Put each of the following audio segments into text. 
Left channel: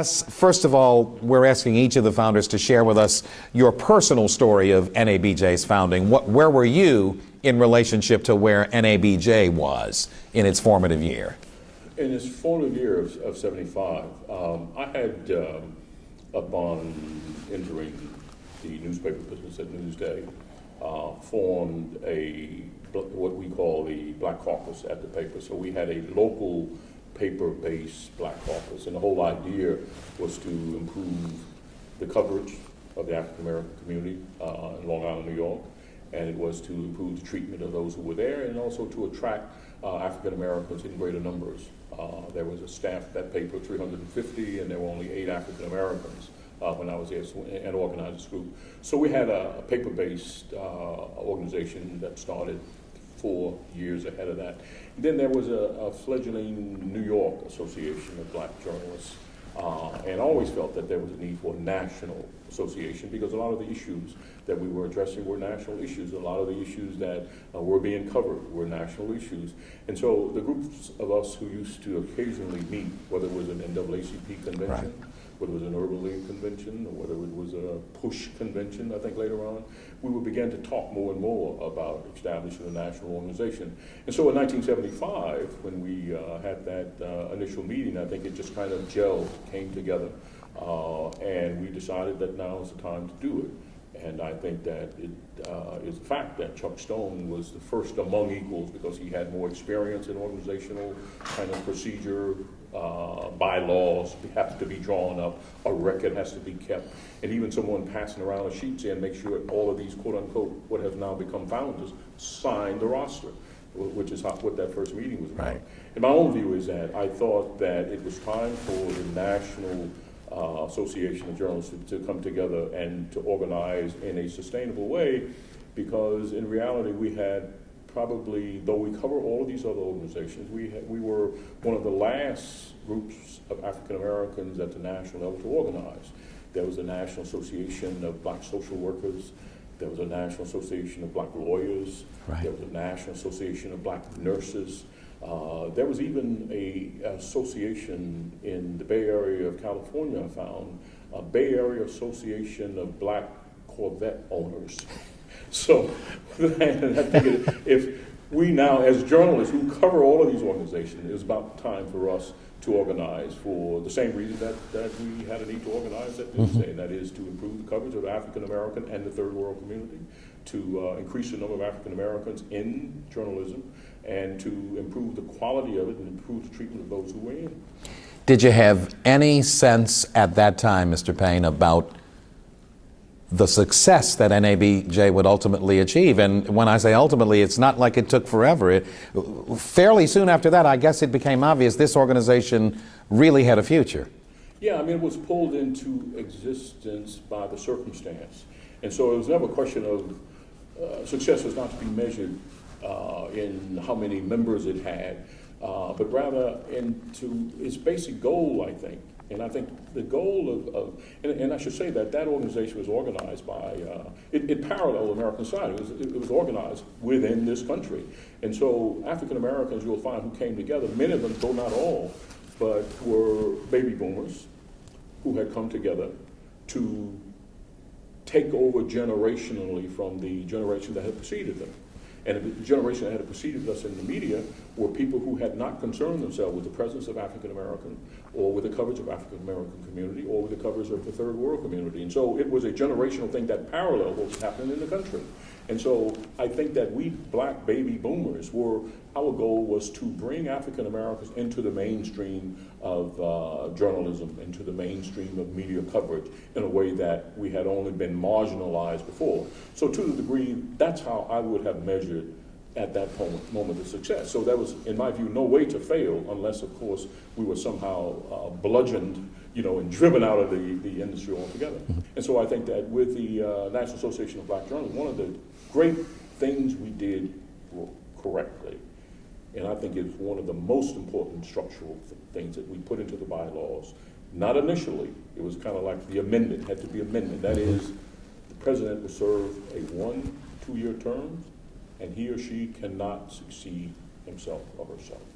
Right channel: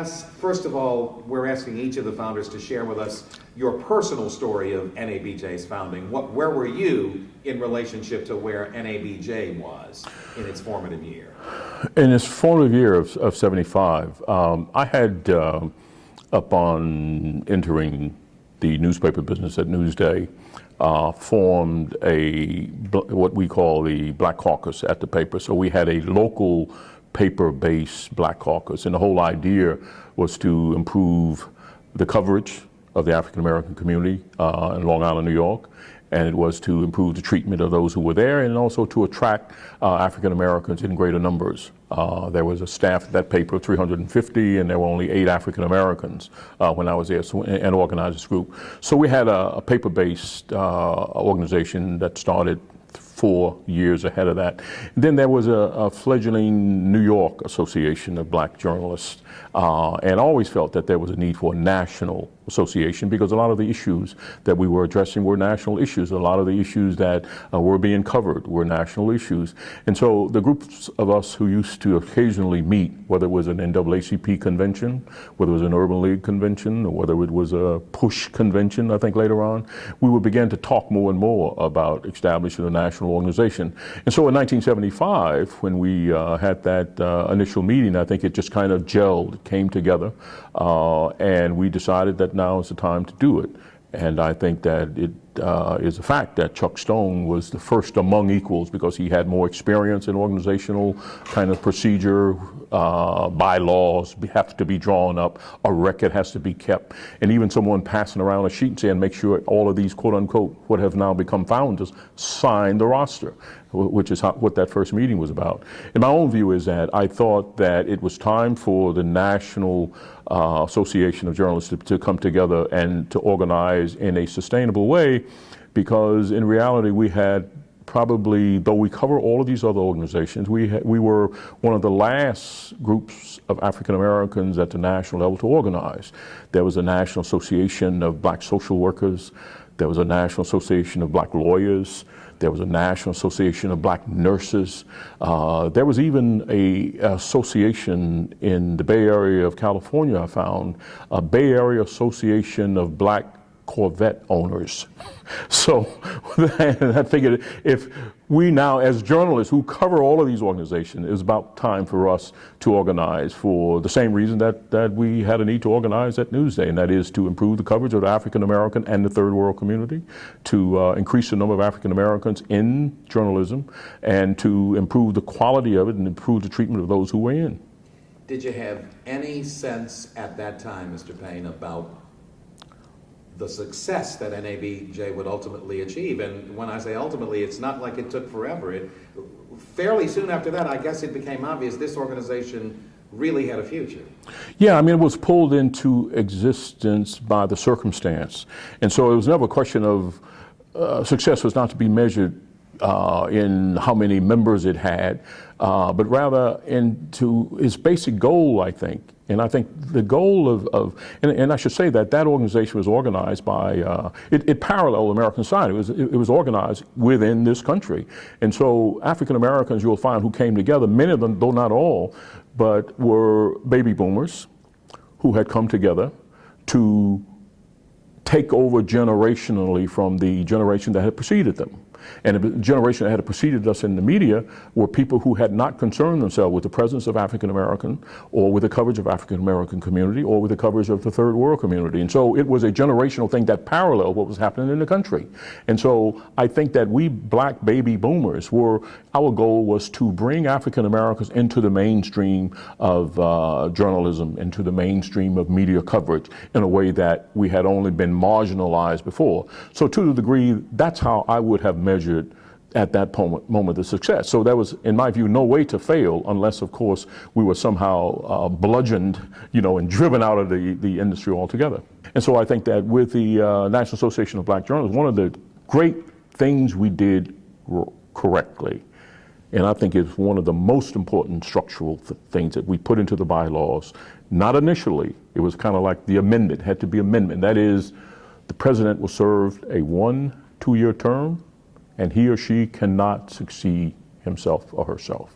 guess, first of all, we're asking each of the founders to share with us your personal story of NABJ's founding. Where were you in relationship to where NABJ was in its formative year? In its formative year of 75, I had, upon entering the newspaper business at Newsday, formed what we call the Black Caucus at the paper. So we had a local paper-based Black Caucus, and the whole idea was to improve the coverage of the African American community in Long Island, New York, and it was to improve the treatment of those who were there, and also to attract African Americans in greater numbers. There was a staff at that paper of 350, and there were only 8 African Americans when I was there, and organized this group. So we had a paper-based organization that started 4 years ahead of that. Then there was a fledgling New York Association of Black Journalists, and I always felt that there was a need for a national association because a lot of the issues that we were addressing were national issues. A lot of the issues that were being covered were national issues. And so the groups of us who used to occasionally meet, whether it was an NAACP convention, whether it was an Urban League convention, or whether it was a PUSH convention, I think later on, we would begin to talk more and more about establishing a national organization. And so in 1975, when we had that initial meeting, I think it just kind of gelled, came together, and we decided that now is the time to do it. And I think that it is a fact that Chuck Stone was the first among equals because he had more experience in organizational kind of procedure. Bylaws have to be drawn up, a record has to be kept, and even someone passing around a sheet saying make sure all of these quote unquote what have now become founders sign the roster, which is what that first meeting was about. Right. And my own view is that I thought that it was time for the National Association of Journalists to come together and to organize in a sustainable way, because in reality we had probably, though we cover all of these other organizations, we were one of the last groups of African Americans at the national level to organize. There was a National Association of Black Social Workers, there was a National Association of Black Lawyers, right. There was a National Association of Black Nurses. There was even a association in the Bay Area of California, I found, a Bay Area Association of Black Corvette Owners. So I figured if we now, as journalists who cover all of these organizations, it was about time for us to organize for the same reason that we had a need to organize at Newsday, and that is to improve the coverage of the African American and the third world community, to increase the number of African Americans in journalism, and to improve the quality of it and improve the treatment of those who were in. Did you have any sense at that time, Mr. Payne, about the success that NABJ would ultimately achieve? And when I say ultimately, it's not like it took forever. Fairly soon after that, I guess it became obvious this organization really had a future. Yeah, I mean, it was pulled into existence by the circumstance. And so it was never a question of success was not to be measured in how many members it had, but rather into its basic goal, I think. And I think the goal and I should say that organization was organized by, it paralleled American Society. It was organized within this country. And so African Americans, you'll find, who came together, many of them, though not all, but were baby boomers who had come together to take over generationally from the generation that had preceded them. And the generation that had preceded us in the media were people who had not concerned themselves with the presence of African American, or with the coverage of African American community, or with the coverage of the third world community. And so it was a generational thing that paralleled what was happening in the country. And so I think that we black baby boomers our goal was to bring African Americans into the mainstream of journalism, into the mainstream of media coverage in a way that we had only been marginalized before. So to the degree, that's how I would have measured at that moment the success. So there was, in my view, no way to fail unless, of course, we were somehow bludgeoned, and driven out of the industry altogether. Mm-hmm. And so I think that with the National Association of Black Journalists, one of the great things we did correctly, and I think it's one of the most important structural things that we put into the bylaws, not initially, it was kind of like the amendment, had to be amendment. That is, the president will serve a 1-2-year term, and he or she cannot succeed himself or herself.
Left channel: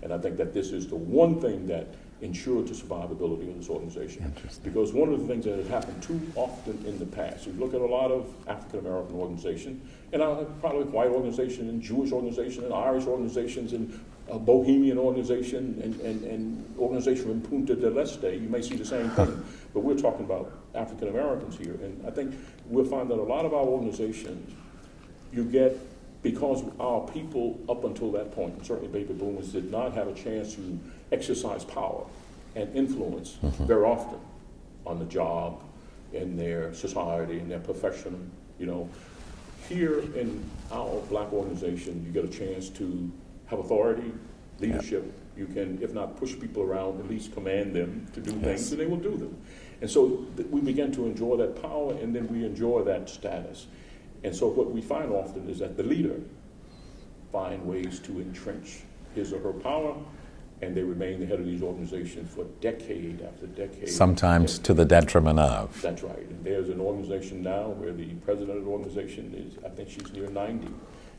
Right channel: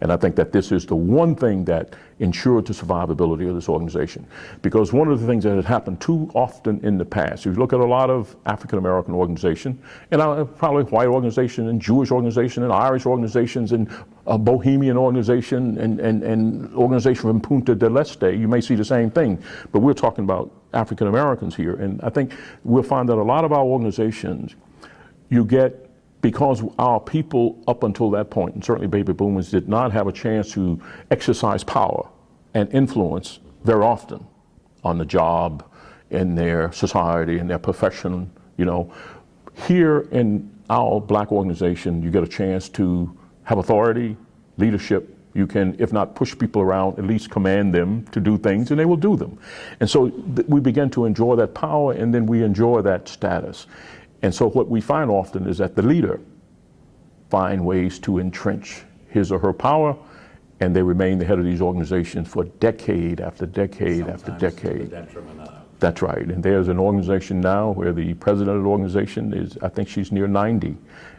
And I think that this is the one thing that ensured the survivability of this organization. Because one of the things that has happened too often in the past, if you look at a lot of African American organizations, and probably white organizations and Jewish organizations and Irish organizations and Bohemian organization and organization from Punta del Este, you may see the same thing. But we're talking about African Americans here. And I think we'll find that a lot of our organizations, you get, because our people up until that point, and certainly baby boomers, did not have a chance to exercise power and influence very often on the job, in their society, in their profession, you know. Here in our black organization, you get a chance to have authority, leadership. You can, if not push people around, at least command them to do things, and they will do them. And so we begin to enjoy that power, and then we enjoy that status. And so what we find often is that the leader find ways to entrench his or her power, and they remain the head of these organizations for decade after decade. Sometimes after decade. to the detriment of. That's right. And there's an organization now where the president of the organization is, I think she's near 90.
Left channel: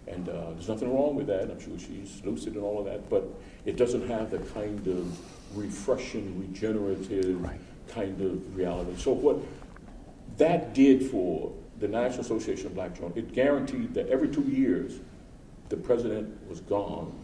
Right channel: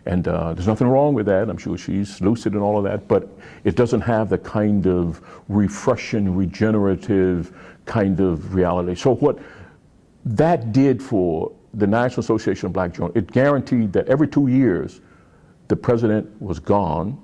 And there's nothing wrong with that. I'm sure she's lucid and all of that, but it doesn't have the kind of refreshing, regenerative kind of reality. So what that did for the National Association of Black Journalists, it guaranteed that every 2 years, the president was gone,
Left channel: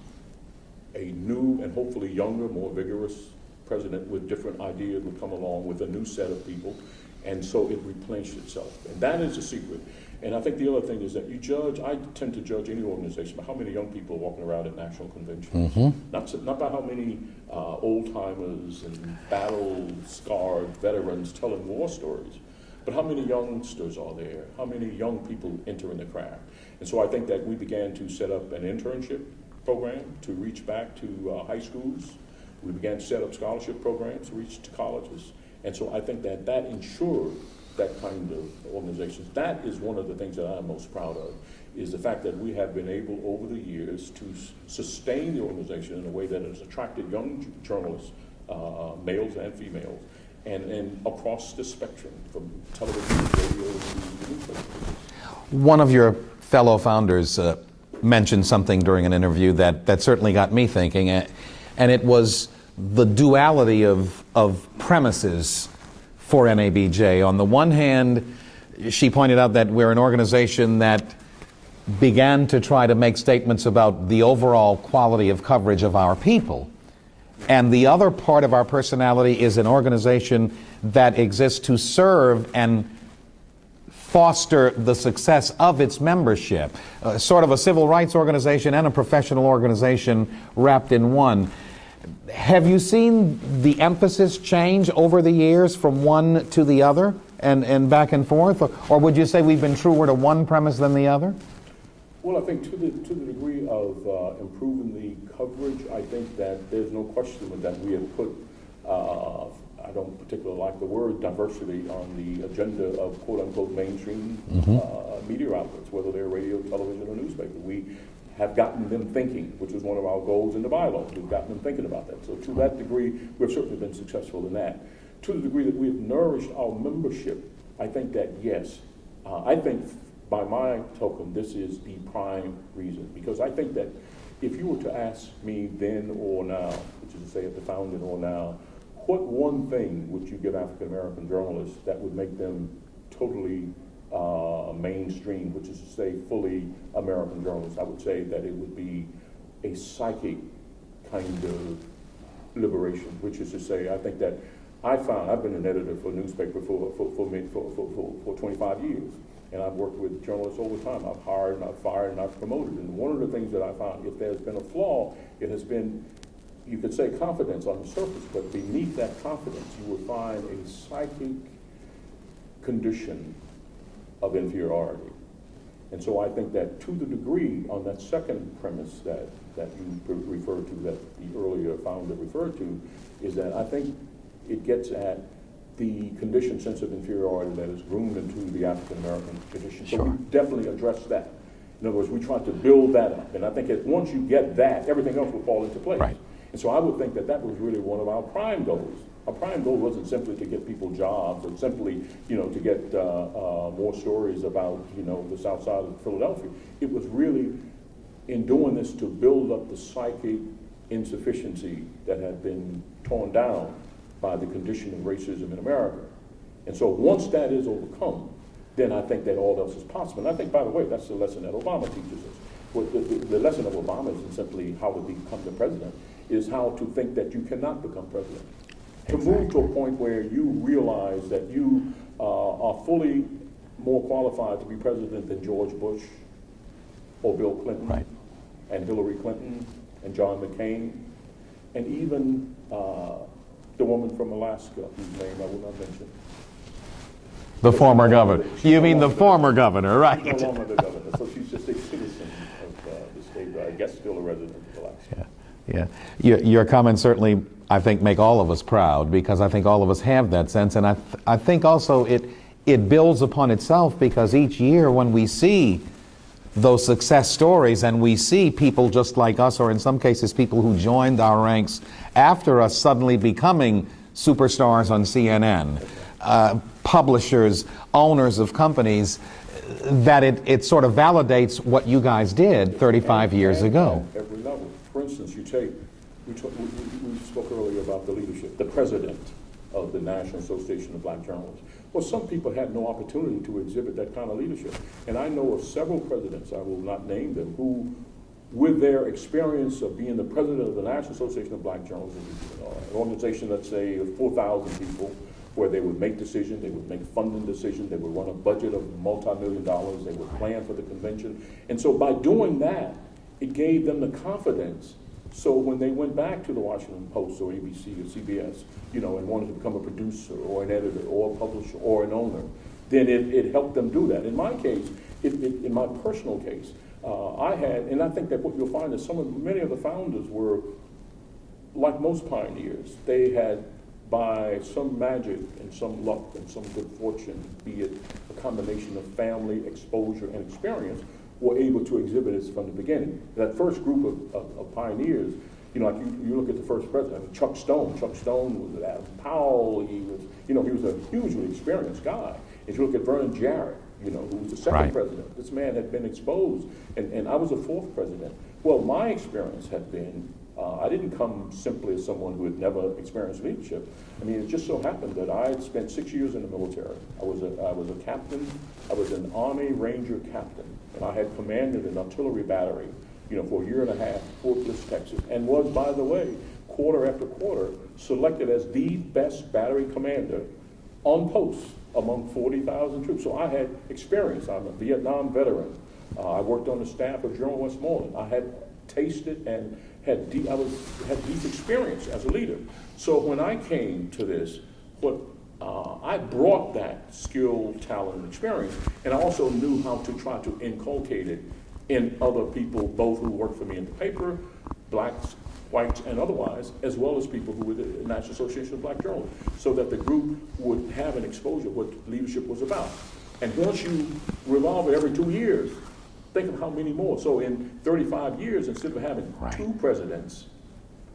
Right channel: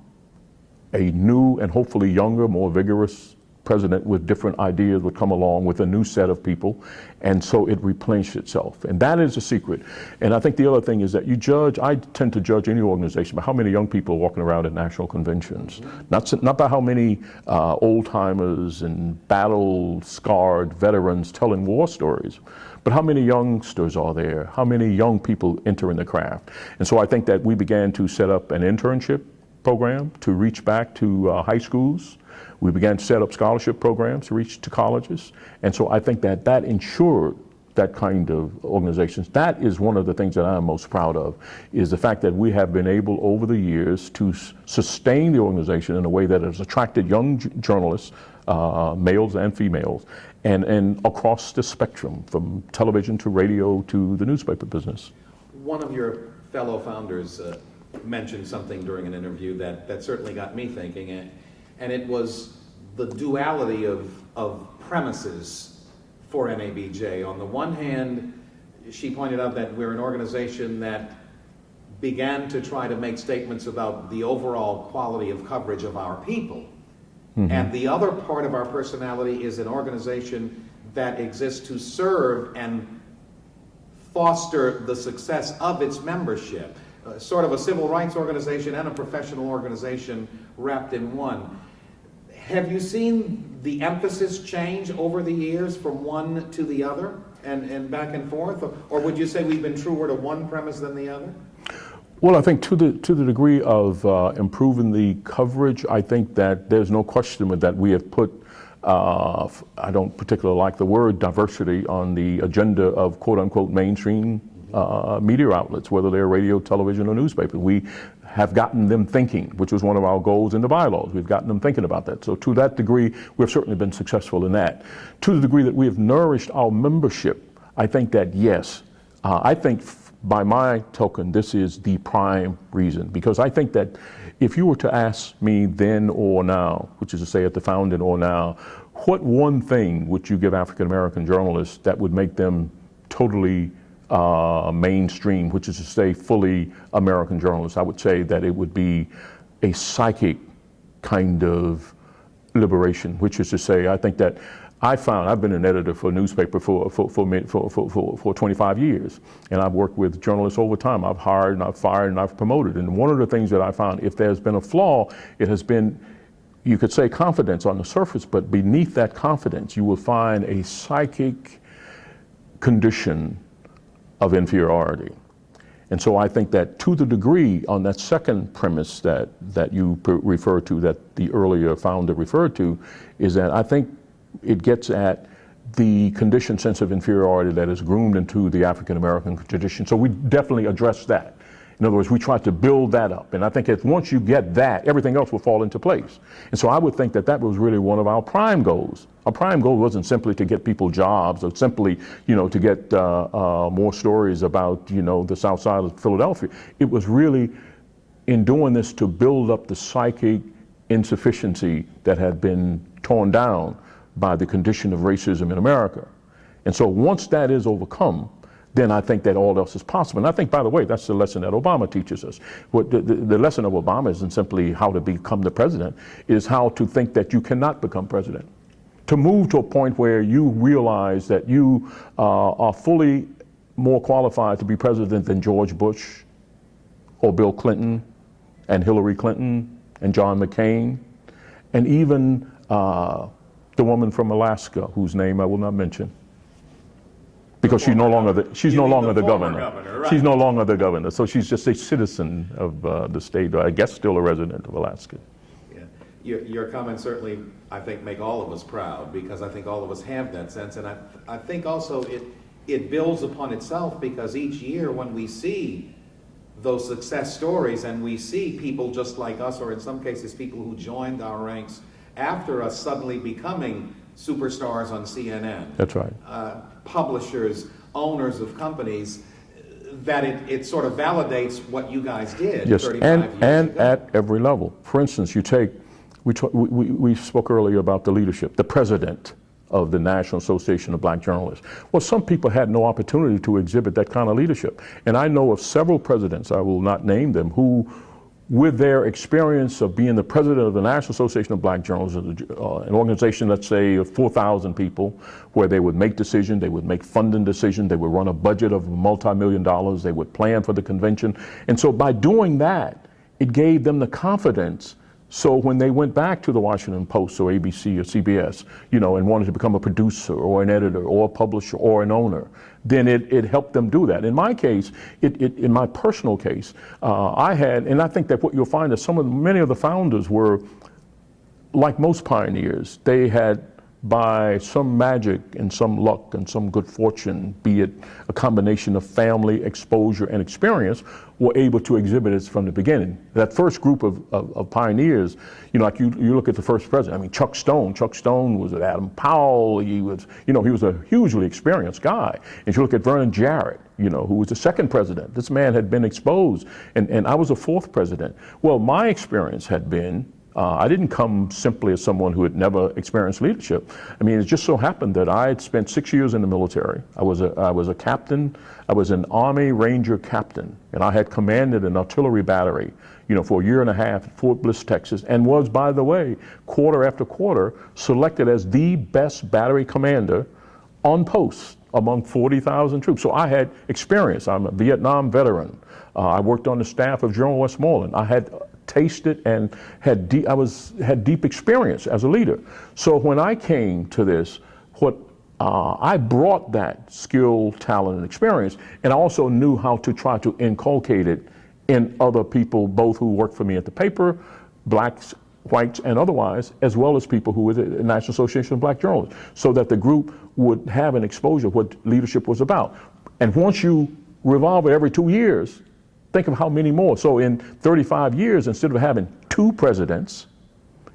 a new and hopefully younger, more vigorous president with different ideas would come along with a new set of people, and so it replenished itself. And that is the secret. And I think the other thing is that you judge, I tend to judge any organization by how many young people are walking around at national conventions, not by how many old-timers and battle-scarred veterans telling war stories, but how many youngsters are there? How many young people enter in the craft? And so I think that we began to set up an internship program to reach back to high schools. We began to set up scholarship programs to reach to colleges. And so I think that that ensured that kind of organizations. That is one of the things that I'm most proud of, is the fact that we have been able over the years to sustain the organization in a way that has attracted young journalists, males and females, and across the spectrum, from television to radio to the newspaper business. One of your fellow founders mentioned something during an interview that certainly got me thinking, and it was the duality of premises for NABJ. On the one hand, she pointed out that we're an organization that began to try to make statements about the overall quality of coverage of our people. And the other part of our personality is an organization that exists to serve and foster the success of its membership, sort of a civil rights organization and a professional organization wrapped in one. Have you seen the emphasis change over the years from one to the other and back and forth? Or would you say we've been truer to one premise than the other? Well, I think to the degree of improving the coverage, I think that there's no question that we have put, I don't particularly like the word diversity, on the agenda of quote-unquote mainstream media outlets, whether they're radio, television, or newspaper. We have gotten them thinking, which was one of our goals in the bylaws. We've gotten them thinking about that. So to that degree, we've certainly been successful in that. To the degree that we have nourished our membership, I think that yes, I think by my token, this is the prime reason, because I think that if you were to ask me then or now, which is to say at the founding or now, what one thing would you give African American journalists that would make them totally mainstream, which is to say fully American journalists? I would say that it would be a psychic kind of liberation, which is to say, I think that I've been an editor for a newspaper for 25 years, and I've worked with journalists over time. I've hired and I've fired and I've promoted. And one of the things that I found, if there's been a flaw, it has been, you could say confidence on the surface, but beneath that confidence, you will find a psychic condition of inferiority. And so I think that to the degree on that second premise that you referred to, that the earlier founder referred to, is that I think it gets at the conditioned sense of inferiority that is groomed into the African American tradition. So we definitely address that. In other words, we try to build that up. And I think once you get that, everything else will fall into place. Right. And so I would think that was really one of our prime goals. Our prime goal wasn't simply to get people jobs or simply, to get more stories about, the South Side of Philadelphia. It was really, in doing this, to build up the psychic insufficiency that had been torn down by the condition of racism in America. And so once that is overcome, then I think that all else is possible. And I think, by the way, that's the lesson that Obama teaches us. The lesson of Obama isn't simply how to become the president, is how to think that you cannot become president. To move to a point where you realize that you are fully more qualified to be president than George Bush or Bill Clinton and Hillary Clinton and John McCain, and even the woman from Alaska, whose name I will not mention. The former governor. She's You no mean longer the former governor, right? She's no longer the governor, so she's just a citizen of the state, or I guess still a resident of Alaska. Yeah, your comments certainly, I think, make all of us proud, because I think all of us have that sense, and I think also it builds upon itself, because each year when we see those success stories and we see people just like us, or in some cases people who joined our ranks after us, suddenly becoming superstars on CNN. That's right. Publishers, owners of companies, that it sort of validates what you guys did 35 years ago. At every level. For instance, we spoke earlier about the leadership, the president of the National Association of Black Journalists. Well, some people had no opportunity to exhibit that kind of leadership. And I know of several presidents, I will not name them, who, with their experience of being the president of the National Association of Black Journalists, an organization, let's say, of 4,000 people, where they would make decisions, they would make funding decisions, they would run a budget of multi-million dollars, they would plan for the convention. And so by doing that, it gave them the confidence. So when they went back to the Washington Post or ABC or CBS, and wanted to become a producer or an editor or a publisher or an owner, then it helped them do that. In my case, in my personal case, I had, and I think that what you'll find is many of the founders were, like most pioneers, they had, by some magic and some luck and some good fortune, be it a combination of family, exposure, and experience, were able to exhibit it from the beginning. That first group of pioneers, like you look at the first president, I mean, Chuck Stone was at Adam Powell, he was a hugely experienced guy. And you look at Vernon Jarrett, who was the second president. This man had been exposed, and I was a fourth president. Well, my experience had been, I didn't come simply as someone who had never experienced leadership. I mean, it just so happened that I had spent 6 years in the military. I was a captain. I was an Army Ranger captain, and I had commanded an artillery battery, for a year and a half at Fort Bliss, Texas, and was, by the way, quarter after quarter, selected as the best battery commander on post among 40,000 troops. So I had experience. I'm a Vietnam veteran. I worked on the staff of General Westmoreland. I had tasted and had deep experience as a leader. So when I came to this, I brought that skill, talent, and experience, and I also knew how to try to inculcate it in other people, both who worked for me at the paper, blacks, whites, and otherwise, as well as people who were the National Association of Black Journalists, so that the group would have an exposure of what leadership was about. And once you revolve it every 2 years, think of how many more. So in 35 years, instead of having two presidents,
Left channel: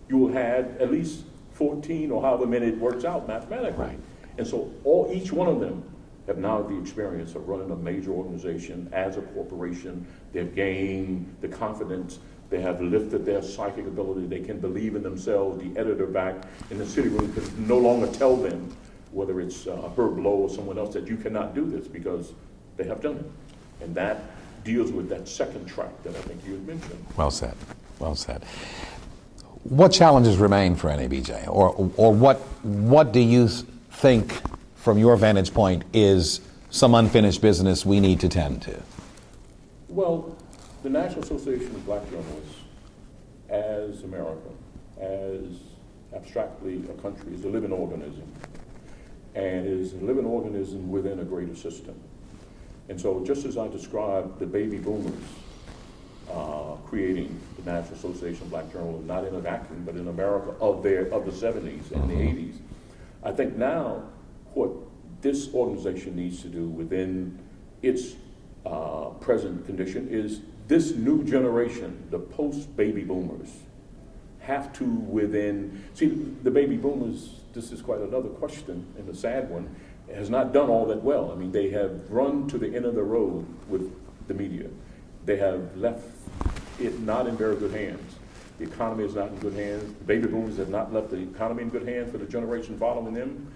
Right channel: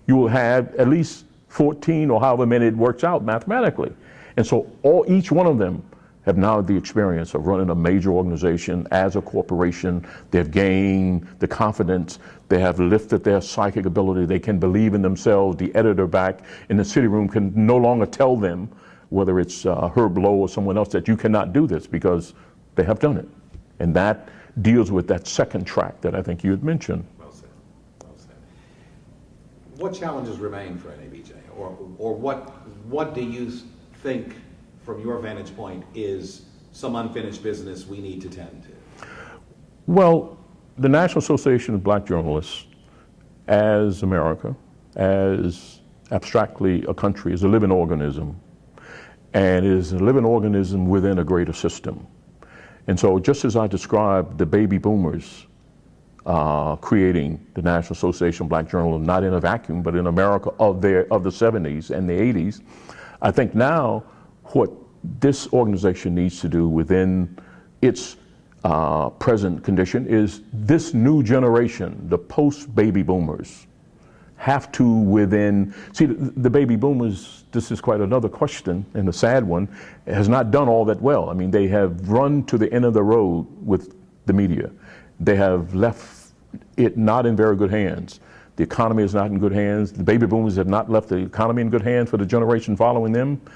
you will have at least 14 or however many it works out mathematically. And so each one of them have now the experience of running a major organization as a corporation. They've gained the confidence. They have lifted their psychic ability. They can believe in themselves. The editor back in the city room can no longer tell them, whether it's Herb Lowe or someone else, that you cannot do this, because they have done it. And that deals with that second track that I think you had mentioned. Well said. Well said. What challenges remain for NABJ, or what do you think, from your vantage point, is some unfinished business we need to tend to? Well, the National Association of Black Journalists, as America, as abstractly a country, is a living organism, and is a living organism within a greater system. And so just as I described the baby boomers creating the National Association of Black Journalists, not in a vacuum, but in America of the 70s and the 80s, I think now what this organization needs to do within its present condition is this new generation, the post-baby boomers, have to see, the baby boomers, this is quite another question, and a sad one, has not done all that well. I mean, they have run to the end of the road with the media. They have left it not in very good hands. The economy is not in good hands. The baby boomers have not left the economy in good hands for the generation following them.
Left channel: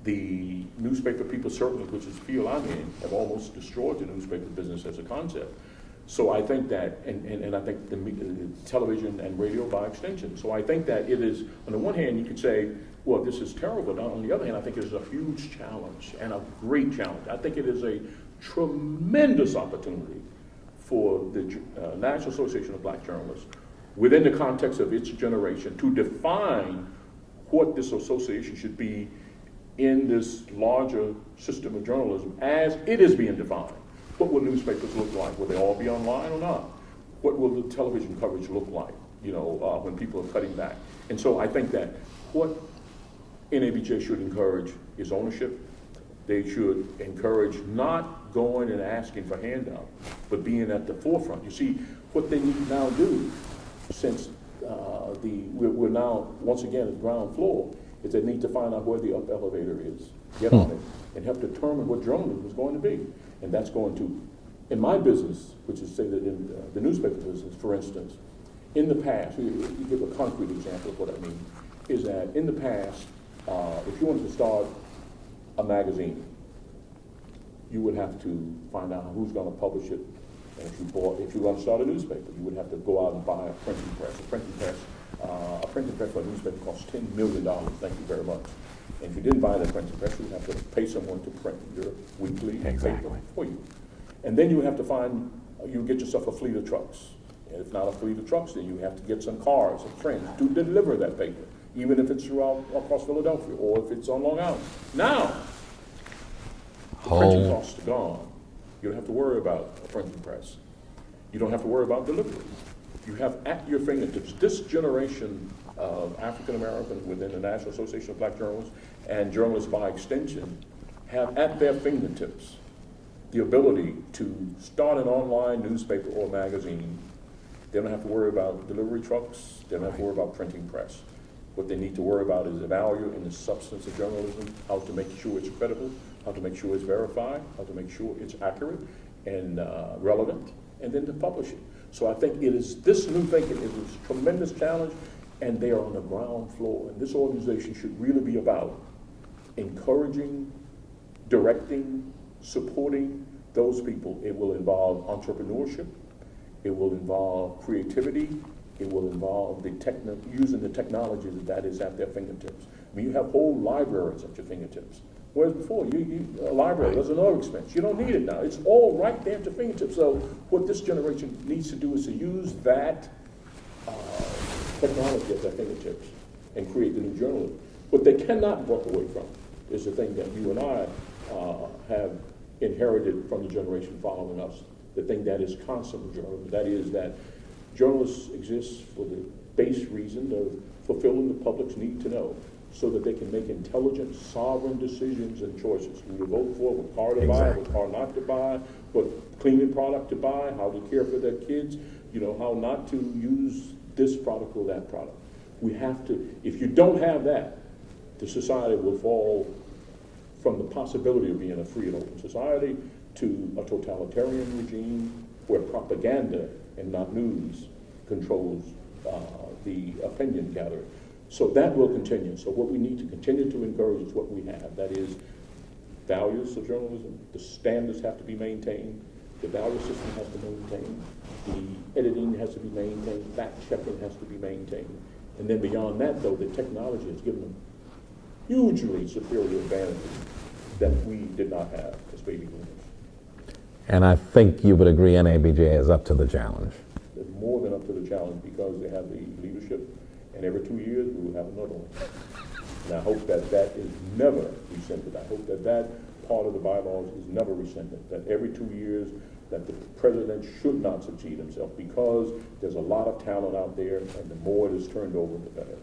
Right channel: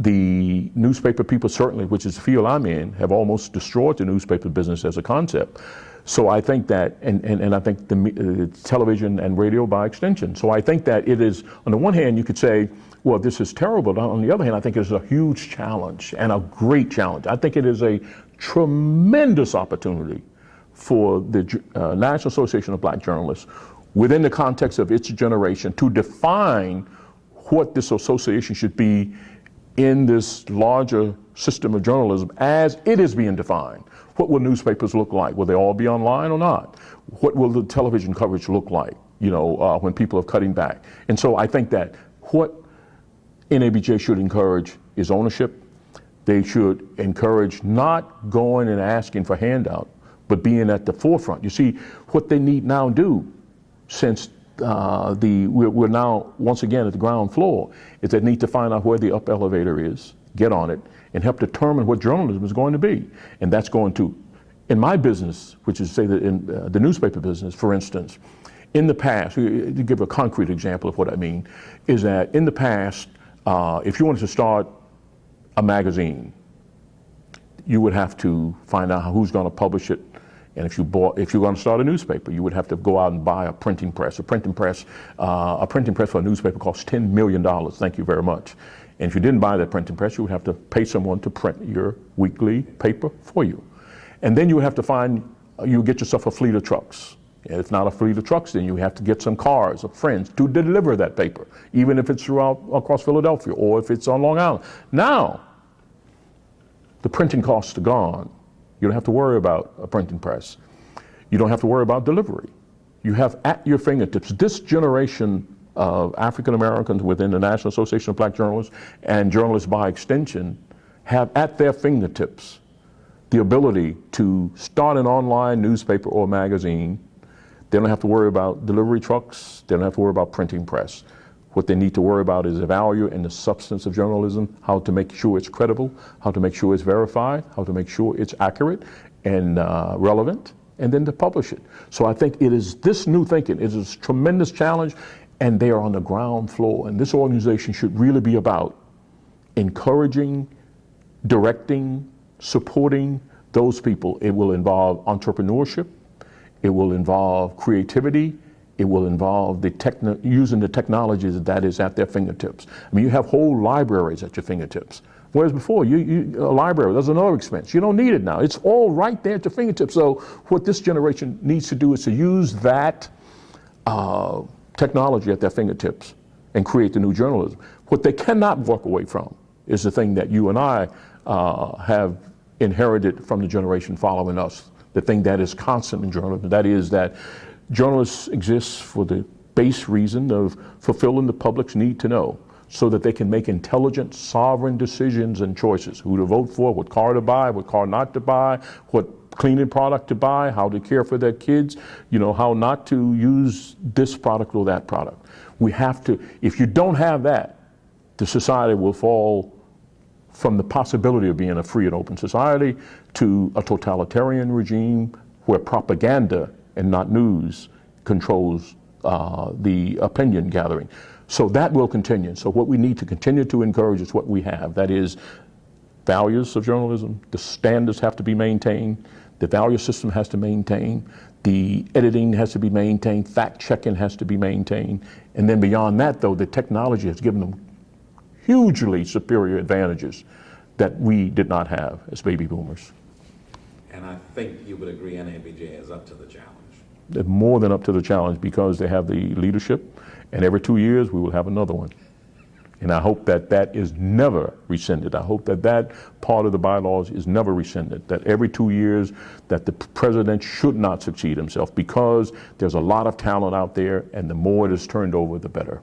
The newspaper people certainly, which is the field I'm in, have almost destroyed the newspaper business as a concept. So I think that, and I think the television and radio by extension. So I think that it is, on the one hand, you could say, well, this is terrible. But on the other hand, I think it's a huge challenge and a great challenge. I think it is a tremendous opportunity for the National Association of Black Journalists, within the context of its generation, to define what this association should be in this larger system of journalism as it is being defined. What will newspapers look like? Will they all be online or not? What will the television coverage look like, when people are cutting back? And so I think that what NABJ should encourage is ownership. They should encourage not going and asking for handout, but being at the forefront. You see, what they need now do, since we're now once again at the ground floor, is they need to find out where the up elevator is, get on it, and help determine what journalism is going to be. And that's going to, in my business, which is say that in the newspaper business, for instance, in the past, to give a concrete example of what I mean, is that in the past, if you wanted to start a magazine, you would have to find out who's going to publish it. And if you're going to start a newspaper, you would have to go out and buy a printing press. A printing press for a newspaper costs $10 million. Thank you very much. And if you didn't buy that printing press, you would have to pay someone to print your weekly paper for you. And then you would have to you get yourself a fleet of trucks. And if not a fleet of trucks, then you have to get some cars of friends to deliver that paper, even if it's across Philadelphia or if it's on Long Island. Now, the printing costs are gone. You don't have to worry about a printing press. You don't have to worry about delivery. You have at your fingertips. This generation of African Americans within the National Association of Black Journalists and journalists by extension have at their fingertips the ability to start an online newspaper or magazine. They don't have to worry about delivery trucks. They don't have to worry about printing press. What they need to worry about is the value and the substance of journalism, how to make sure it's credible, how to make sure it's verified, how to make sure it's accurate and relevant, and then to publish it. So I think it is this new thinking. It is a tremendous challenge, and they are on the ground floor. And this organization should really be about encouraging, directing, supporting those people. It will involve entrepreneurship. It will involve creativity. It will involve using the technologies that is at their fingertips. I mean, you have whole libraries at your fingertips. Whereas before, a library, there's another expense. You don't need it now. It's all right there at your fingertips. So what this generation needs to do is to use that technology at their fingertips and create the new journalism. What they cannot walk away from is the thing that you and I have inherited from the generation following us, the thing that is constant in journalism. That is that journalists exist for the base reason of fulfilling the public's need to know, so that they can make intelligent, sovereign decisions and choices: who to vote for, what car to buy, what car not to buy, what cleaning product to buy, how to care for their kids, how not to use this product or that product. We have to, if you don't have that, the society will fall from the possibility of being a free and open society to a totalitarian regime where propaganda and not news controls the opinion gathering. So that will continue. So what we need to continue to encourage is what we have. That is values of journalism. The standards have to be maintained. The value system has to maintain. The editing has to be maintained. Fact-checking has to be maintained. And then beyond that, though, the technology has given them hugely superior advantages that we did not have as baby boomers. And I think you would agree NABJ is up to the challenge. They're more than up to the challenge because they have the leadership, and every 2 years we will have another one. And I hope that that is never rescinded. I hope that that part of the bylaws is never rescinded, that every 2 years that the president should not succeed himself, because there's a lot of talent out there, and the more it is turned over, the better.